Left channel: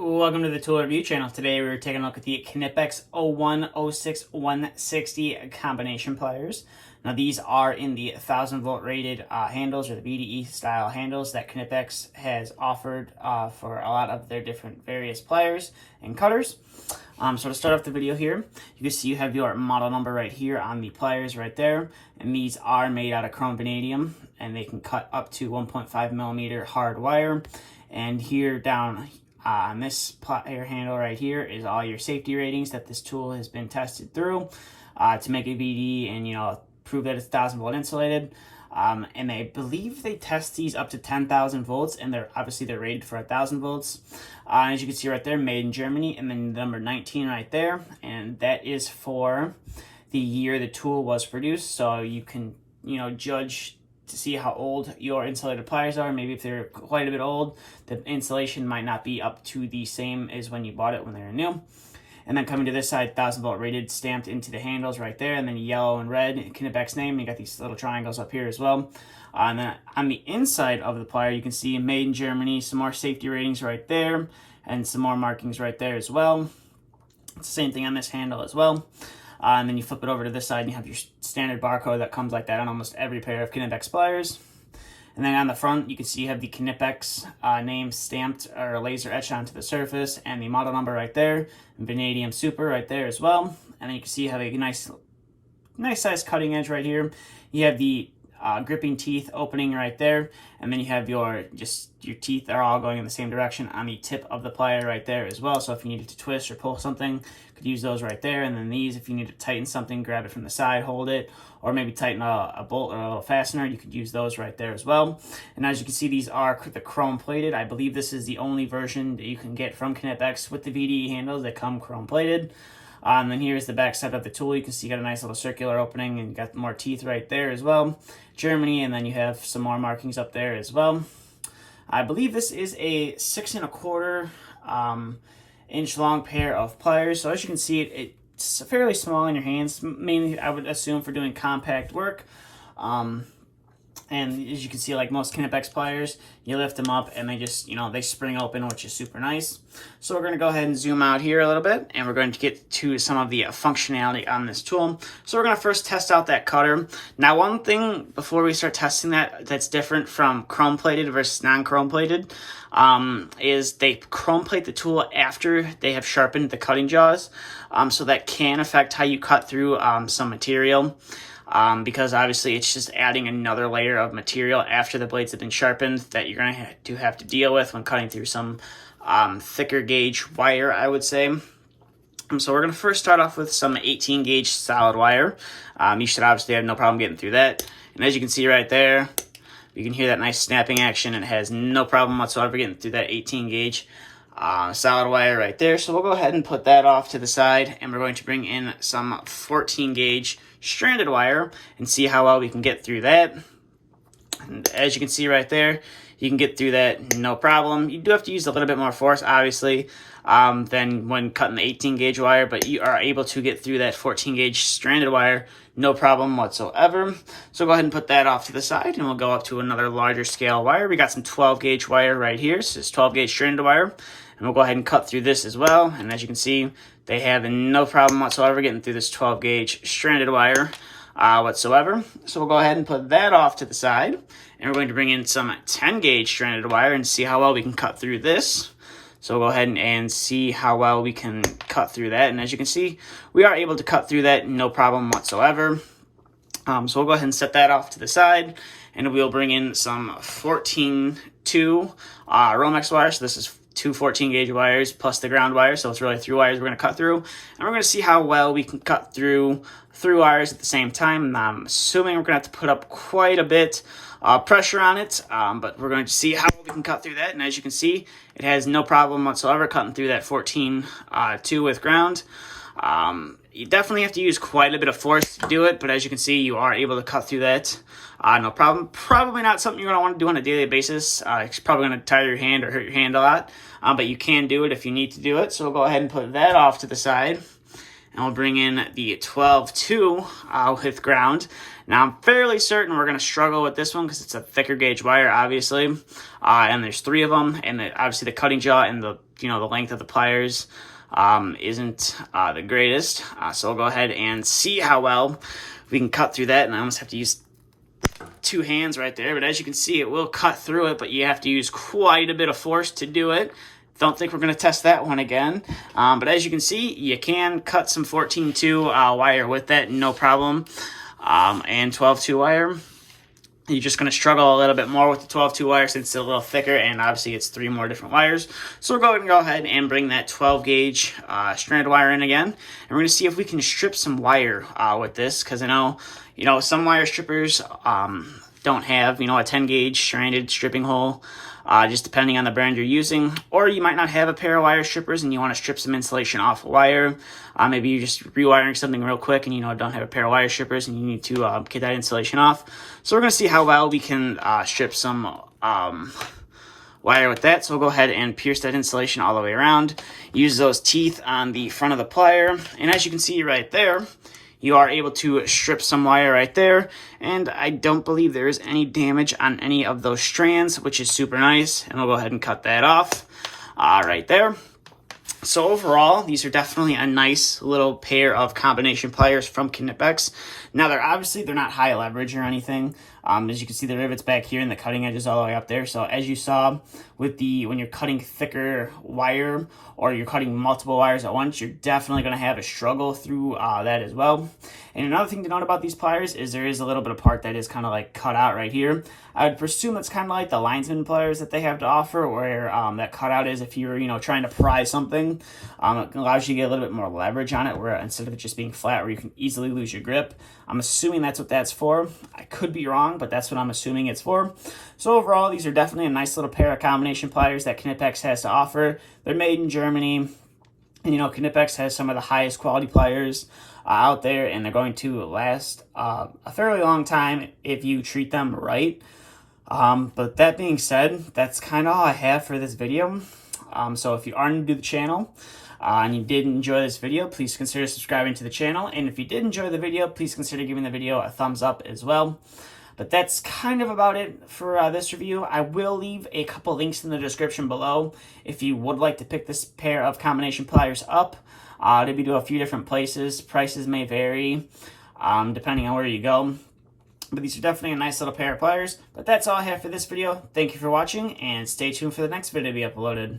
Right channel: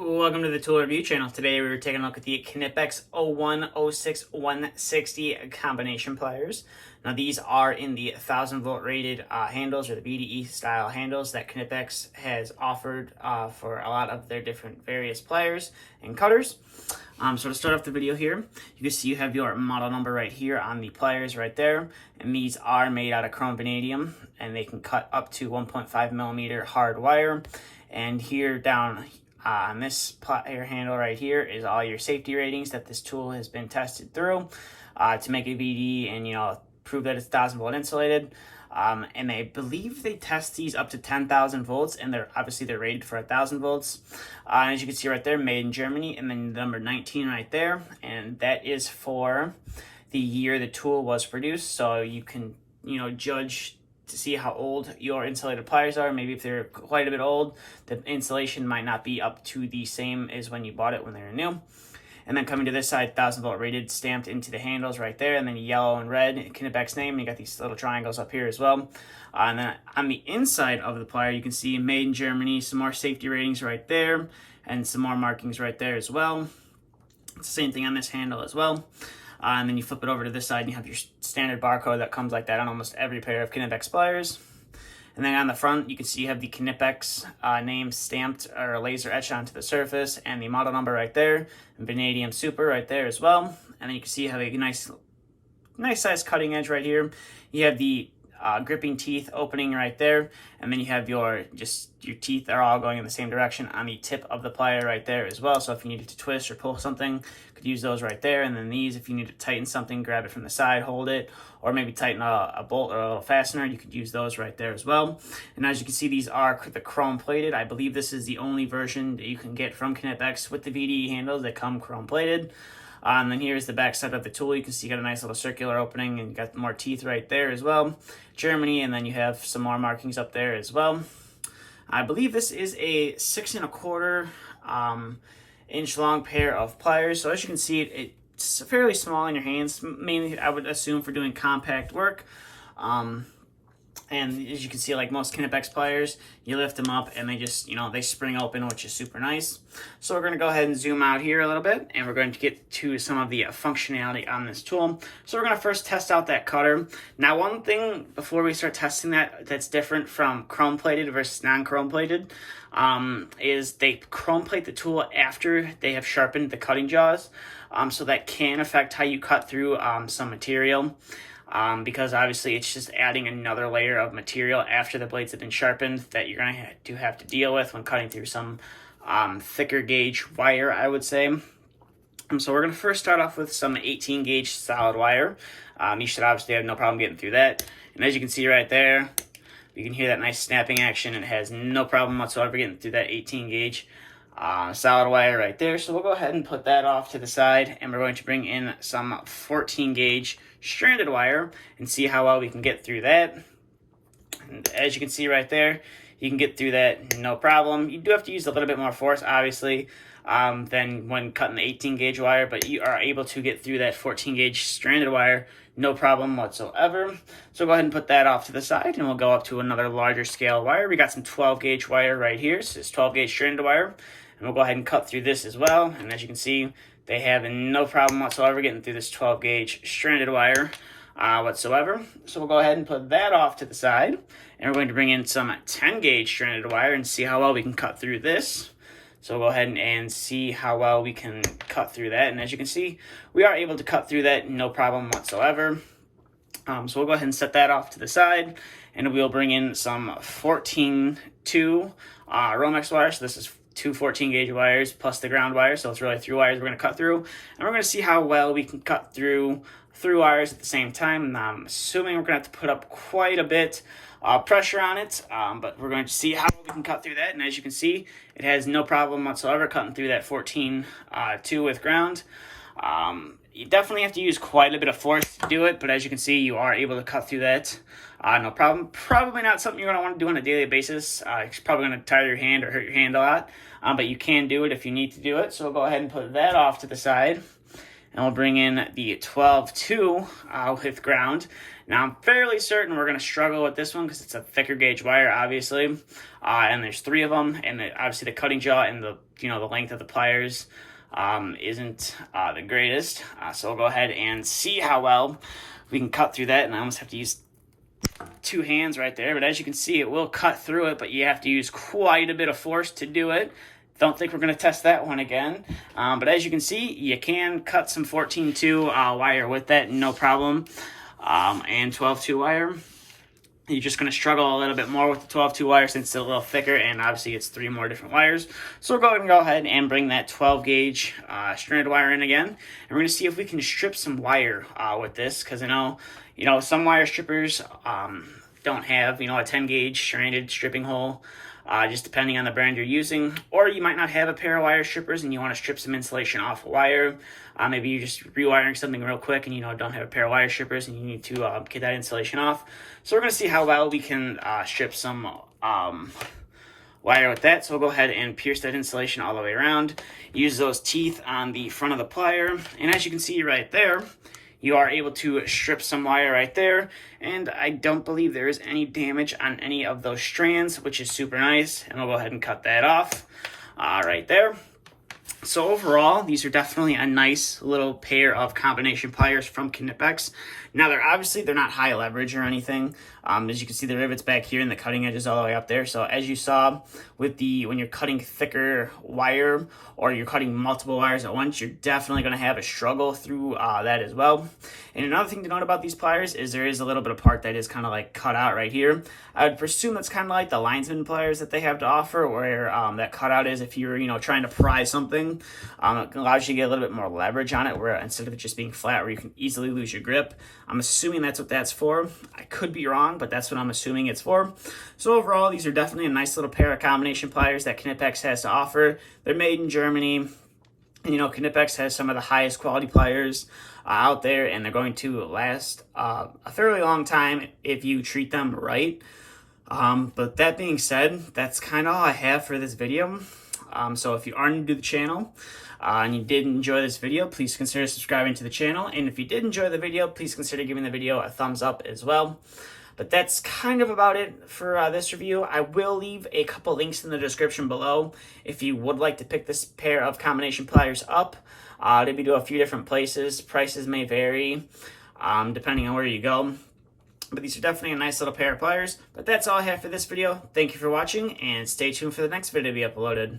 Welcome to the tool review channel. Today we're taking a look at the Knipex 0106 combination pliers. Now these are in the 1000-volt rated handles, or the BDE style handles that Knipex has offered for a lot of their different various pliers and cutters. So to start off the video here, you can see you have your model number right here on the pliers right there, and these are made out of chrome vanadium, and they can cut up to 1.5 millimeter hard wire. And here down on this plier handle right here is all your safety ratings that this tool has been tested through to make a VD and prove that it's 1000-volt insulated. And I believe they test these up to 10,000 volts, and they're rated for 1,000 volts. As you can see right there, made in Germany, and then the number 19 right there, and that is for the year the tool was produced. So you can judge to see how old your insulated pliers are. Maybe if they're quite a bit old, the insulation might not be up to the same as when you bought it when they were new. And then coming to this side, 1000-volt rated stamped into the handles right there, and then yellow and red, Knipex name, and you got these little triangles up here as well. And then on the inside of the plier, you can see made in Germany, some more safety ratings right there, and some more markings right there as well. It's the same thing on this handle as well. And then you flip it over to this side and you have your standard barcode that comes like that on almost every pair of Knipex pliers. And then on the front, you can see you have the Knipex name stamped or laser etched onto the surface, and the model number right there, and Vanadium Super right there as well. And then you can see you have a nice size cutting edge right here. You have the gripping teeth opening right there, and then you have your teeth are all going in the same direction on the tip of the plier right there as well. So if you needed to twist or pull something, you could use those right there. And then these, if you need to tighten something, grab it from the side, hold it, or maybe tighten a bolt or a little fastener, you could use those right there as well. And as you can see, these are the chrome plated. I believe this is the only version that you can get from Knipex with the VDE handles that come chrome plated. And then here's the back side of the tool. You can see you got a nice little circular opening, and you got more teeth right there as well. Germany, and then you have some more markings up there as well. I believe this is a 6 1/4 inch long pair of pliers. So as you can see, it's fairly small in your hands, mainly I would assume for doing compact work. And as you can see, like most Knipex pliers, you lift them up and they just, they spring open, which is super nice. So we're going to go ahead and zoom out here a little bit, and we're going to get to some of the functionality on this tool. So we're going to first test out that cutter. Now, one thing before we start testing that's different from chrome plated versus non-chrome plated is they chrome plate the tool after they have sharpened the cutting jaws. So that can affect how you cut through some material. Because obviously it's just adding another layer of material after the blades have been sharpened that you're going to have to deal with when cutting through some thicker gauge wire, I would say. So we're going to first start off with some 18 gauge solid wire. You should obviously have no problem getting through that. And as you can see right there, you can hear that nice snapping action, and it has no problem whatsoever getting through that 18 gauge solid wire right there. So we'll go ahead and put that off to the side, and we're going to bring in some 14 gauge stranded wire and see how well we can get through that. And as you can see right there, you can get through that no problem. You do have to use a little bit more force, obviously, than when cutting the 18 gauge wire, but you are able to get through that 14 gauge stranded wire no problem whatsoever. So go ahead and put that off to the side, and we'll go up to another larger scale wire. We got some 12 gauge wire right here. So it's 12 gauge stranded wire, and we'll go ahead and cut through this as well. And as you can see, they have no problem whatsoever getting through this 12 gauge stranded wire whatsoever. So we'll go ahead and put that off to the side, and we're going to bring in some 10 gauge stranded wire and see how well we can cut through this. So we'll go ahead and see how well we can cut through that. And as you can see, we are able to cut through that no problem whatsoever. So we'll go ahead and set that off to the side, and we'll bring in some 14-2 Romex wire. So this is two 14 gauge wires plus the ground wire. So it's really 3 wires we're going to cut through. And we're going to see how well we can cut through 3 wires at the same time. And I'm assuming we're going to have to put up quite a bit pressure on it, but we're going to see how we can cut through that. And as you can see, it has no problem whatsoever cutting through that 14-2 with ground. You definitely have to use quite a bit of force to do it, but as you can see, you are able to cut through that no problem. Probably not something you're going to want to do on a daily basis. It's probably going to tire your hand or hurt your hand a lot, but you can do it if you need to do it. So we'll go ahead and put that off to the side. and we'll bring in the 12-2 with ground. Now, I'm fairly certain we're going to struggle with this one because it's a thicker gauge wire, obviously, and there's 3 of them, and obviously the cutting jaw and the length of the pliers isn't the greatest. So we'll go ahead and see how well we can cut through that, and I almost have to use 2 hands right there, but as you can see, it will cut through it, but you have to use quite a bit of force to do it. Don't think we're going to test that one again. But as you can see, you can cut some 14-2 wire with that, no problem. And 12-2 wire, you're just going to struggle a little bit more with the 12-2 wire since it's a little thicker, and obviously it's 3 more different wires. So we're going to go ahead and bring that 12 gauge stranded wire in again, and we're going to see if we can strip some wire with this, because I know, some wire strippers don't have, a 10 gauge stranded stripping hole, just depending on the brand you're using, or you might not have a pair of wire strippers and you want to strip some insulation off the wire. Maybe you're just rewiring something real quick and don't have a pair of wire strippers and you need to get that insulation off. So we're going to see how well we can strip some wire with that. So we'll go ahead and pierce that insulation all the way around. Use those teeth on the front of the plier, and as you can see right there, you are able to strip some wire right there, and I don't believe there is any damage on any of those strands, which is super nice, and we'll go ahead and cut that off right there. So overall, these are definitely a nice little pair of combination pliers from Knipex. Now, they're not high leverage or anything. As you can see, the rivets back here and the cutting edge is all the way up there. So as you saw with when you're cutting thicker wire or you're cutting multiple wires at once, you're definitely going to have a struggle through that as well. And another thing to note about these pliers is there is a little bit of part that is kind of like cut out right here. I would presume that's kind of like the linesman pliers that they have to offer, where that cutout is if you're trying to pry something. It allows you to get a little bit more leverage on it, where instead of it just being flat where you can easily lose your grip. I'm assuming that's what that's for. I could be wrong, but that's what I'm assuming it's for. So overall, these are definitely a nice little pair of combination pliers that Knipex has to offer. They're made in Germany, and Knipex has some of the highest quality pliers out there, and they're going to last a fairly long time if you treat them right. But that being said, that's kind of all I have for this video. So if you are new to the channel and you did enjoy this video, please consider subscribing to the channel. And if you did enjoy the video, please consider giving the video a thumbs up as well. But that's kind of about it for this review. I will leave a couple links in the description below if you would like to pick this pair of combination pliers up. They'll be to a few different places. Prices may vary depending on where you go. But these are definitely a nice little pair of pliers. But that's all I have for this video. Thank you for watching, and stay tuned for the next video to be uploaded.